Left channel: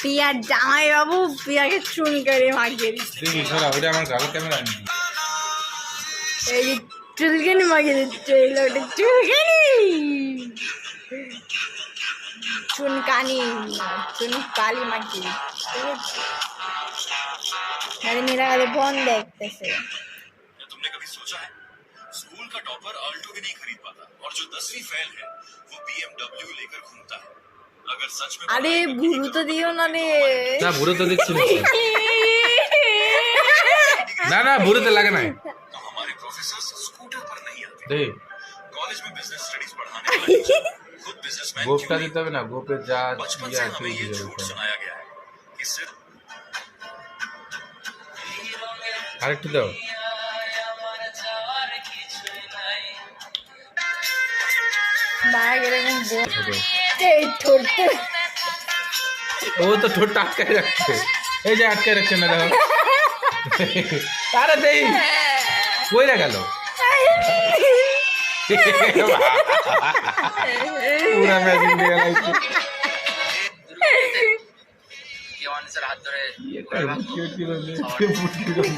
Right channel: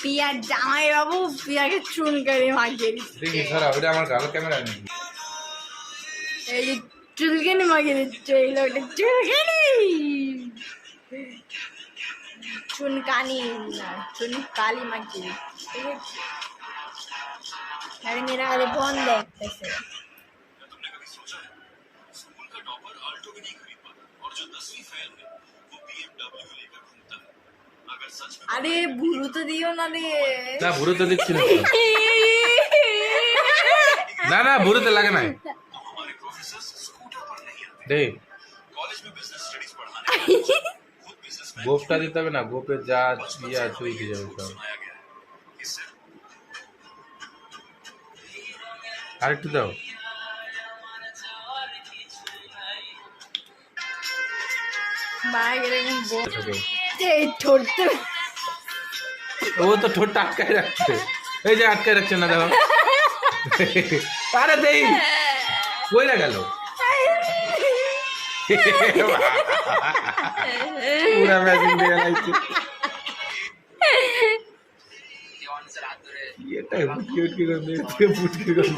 Peer জামাই বাবু পিয়াকে চুন করে মাখিয়ে দিচ্ছে। দেখি সরা ওটা আমার গাল ক্যামেরা নেই। এই যে চুলকানি মাখিয়ে দিচ্ছে, এই লোকটা চুলকানি চুনকানি না চুনকালি মাখিয়ে দিচ্ছে। মেয়েরা আগে বন্ধ করতেছে। तुमने कभी सोचा है स्कूल का टॉपर ऑल्टो भी नहीं खरीद पाता और जो 10वीं फेल है वो BMW लेकर घूमता है। अगर सच में আরে বুড়ো তো দিও না রে। না বুড়ো তো দিচ্ছি না। না না বুড়ো তো লাগে না। हमारे प्रोफेसर स्कूटर पर नहीं आते। দেখ कॉलेज में बिजनेस स्टडीज पढ़ाने खुद बिजनेसमैन গোপটা দিতে হবে না, গোপে যা बचपन ইয়া से তুই हमें ये দিয়ে झूठ দিতে হবে। सुनाया गया है कि सिर्फ আরেকটু দাও। বাইরে গেলে এই ঠোঁটতে ও তো ঠোঁটটা আটকায় রাখছে, এই যে আটকায় রাখছে না দেখো। আরে দেই কইরা গেল পুরা ম্যাজিক দিয়ে লাইছে। এটা বুটকি করে